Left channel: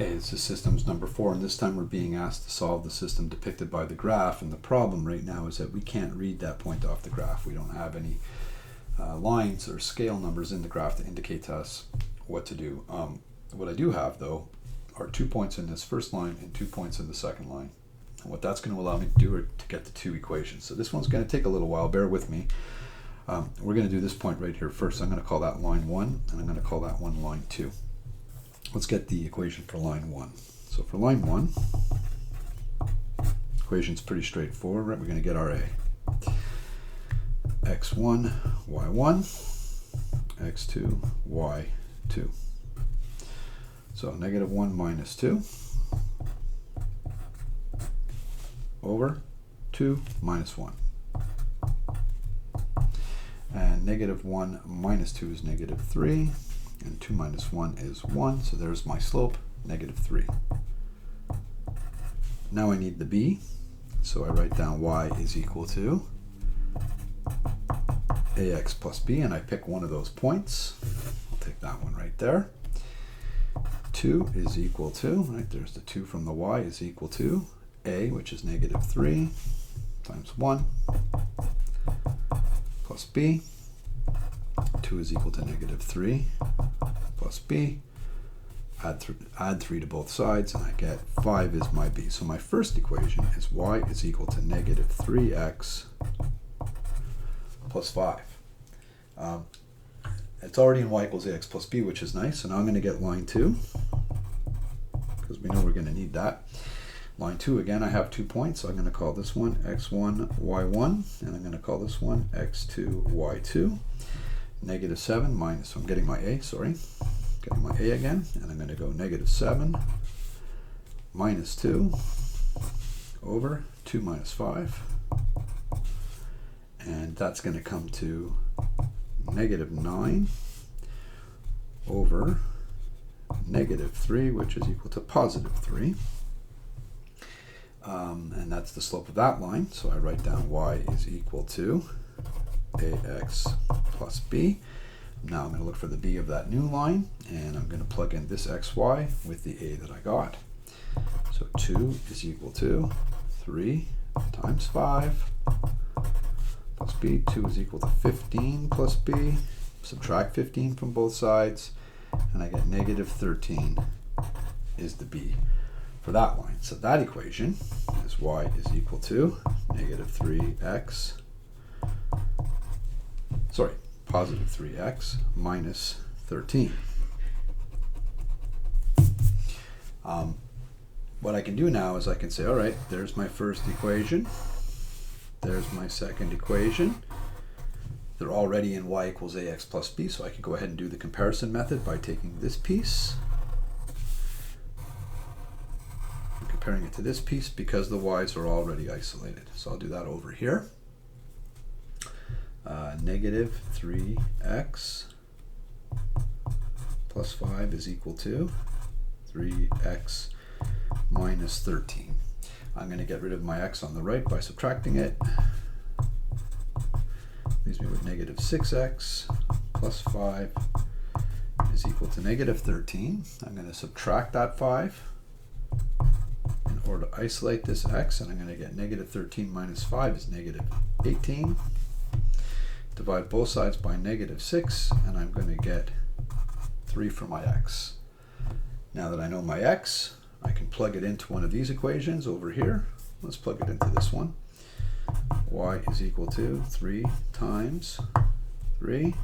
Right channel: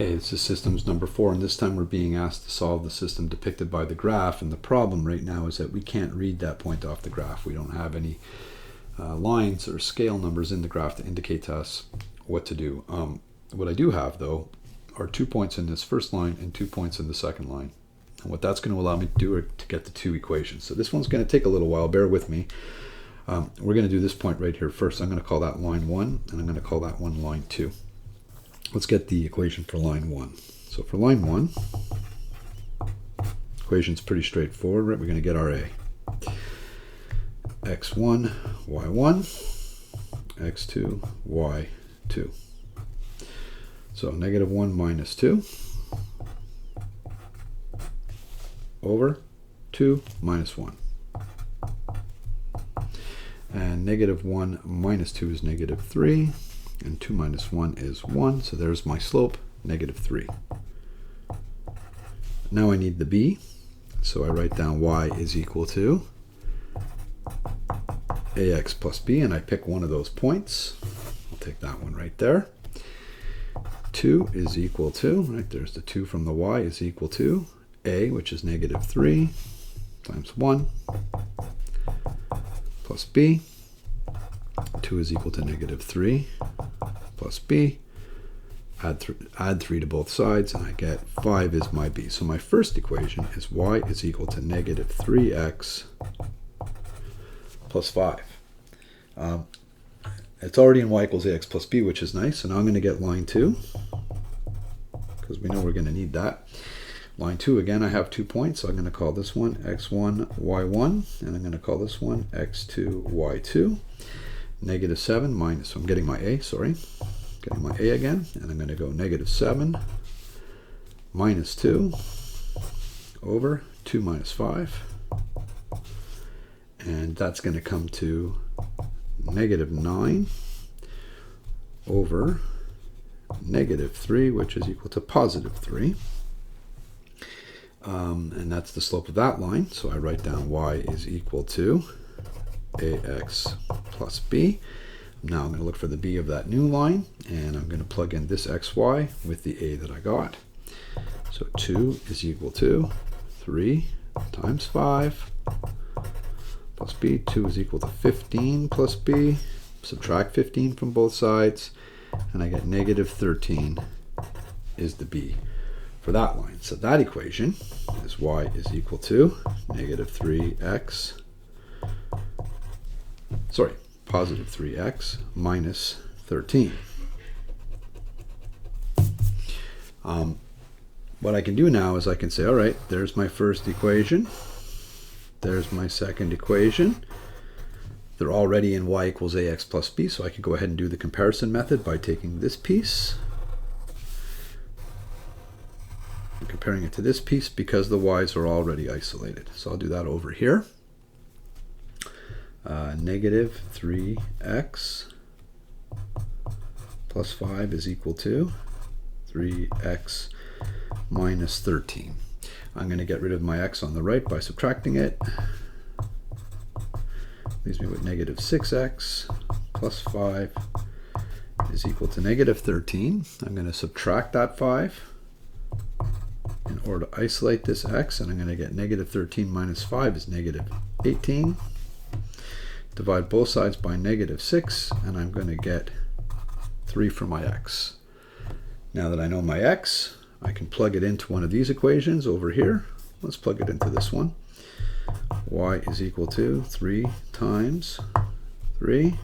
Hey, this is systems number 4, and this time we're being asked to solve the system depicted by the graph, and the problem right now is that we can't read that point off the graph. We don't have any lines or scale numbers in the graph to indicate to us what to do. What I do have, though, are 2 points in this first line and 2 points in the second line. And what that's going to allow me to do is to get the two equations. So this one's going to take a little while, bear with me. We're going to do this point right here first. I'm going to call that line 1, and I'm going to call that one line 2. Let's get the equation for line 1. So for line 1, equation's pretty straightforward, right? We're going to get our A. x1, y1, x2, y2. So negative 1 minus 2 over 2 minus 1. And negative 1 minus 2 is negative 3. And 2 minus 1 is 1, so there's my slope, negative 3. Now I need the b, so I write down y is equal to ax plus b, and I pick one of those points. I'll take that one right there. 2 is equal to, right, there's the 2 from the y, is equal to a, which is negative 3, times 1, plus b. 2 is equal to negative 3 plus b. Add 3 to both sides, and I get 5 is my b. So my first equation is y is equal to negative 3x plus 5. It's already in y equals ax plus b, which is nice. So now I'm going to get line 2, because we know we're going to need that. Line 2, again, I have 2 points, so I'm going to call this one x1, y1, and I'm going to call this one x2, y2. Negative 7 minus, so I'm getting my a, getting my a again, and I'm going to go negative 7 minus 2 over 2 minus 5, and that's going to come to negative 9 over negative 3, which is equal to positive 3. And that's the slope of that line, so I write down y is equal to ax plus b. Now I'm going to look for the b of that new line, and I'm going to plug in this xy with the a that I got. So 2 is equal to 3 times 5 plus b. 2 is equal to 15 plus b. Subtract 15 from both sides, and I get negative 13 is the b for that line. So that equation is y is equal to negative 3x, positive 3x minus 13. What I can do now is I can say, all right, there's my first equation. There's my second equation. They're already in y equals ax plus b, so I can go ahead and do the comparison method by taking this piece and comparing it to this piece, because the y's are already isolated. So I'll do that over here. Negative 3x plus 5 is equal to 3x minus 13. I'm going to get rid of my x on the right by subtracting it. Leaves me with negative 6x plus 5 is equal to negative 13. I'm going to subtract that 5 in order to isolate this x, and I'm going to get negative 13 minus 5 is negative 18. Divide both sides by negative 6, and I'm going to get 3 for my x. Now that I know my x, I can plug it into one of these equations over here. Let's plug it into this one. Y is equal to 3 times 3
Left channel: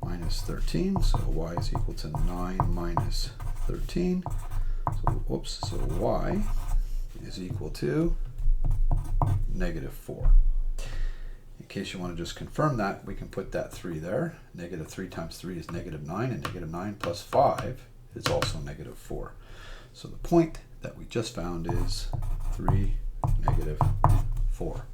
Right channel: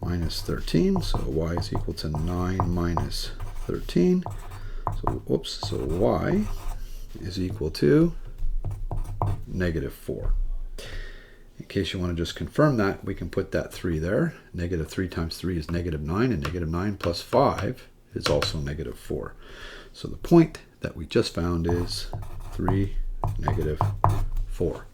minus 13. So y is equal to 9 minus 13. So y is equal to negative 4. In case you want to just confirm that, we can put that 3 there. Negative 3 times 3 is negative 9, and negative 9 plus 5 is also negative 4. So the point that we just found is 3, negative 4.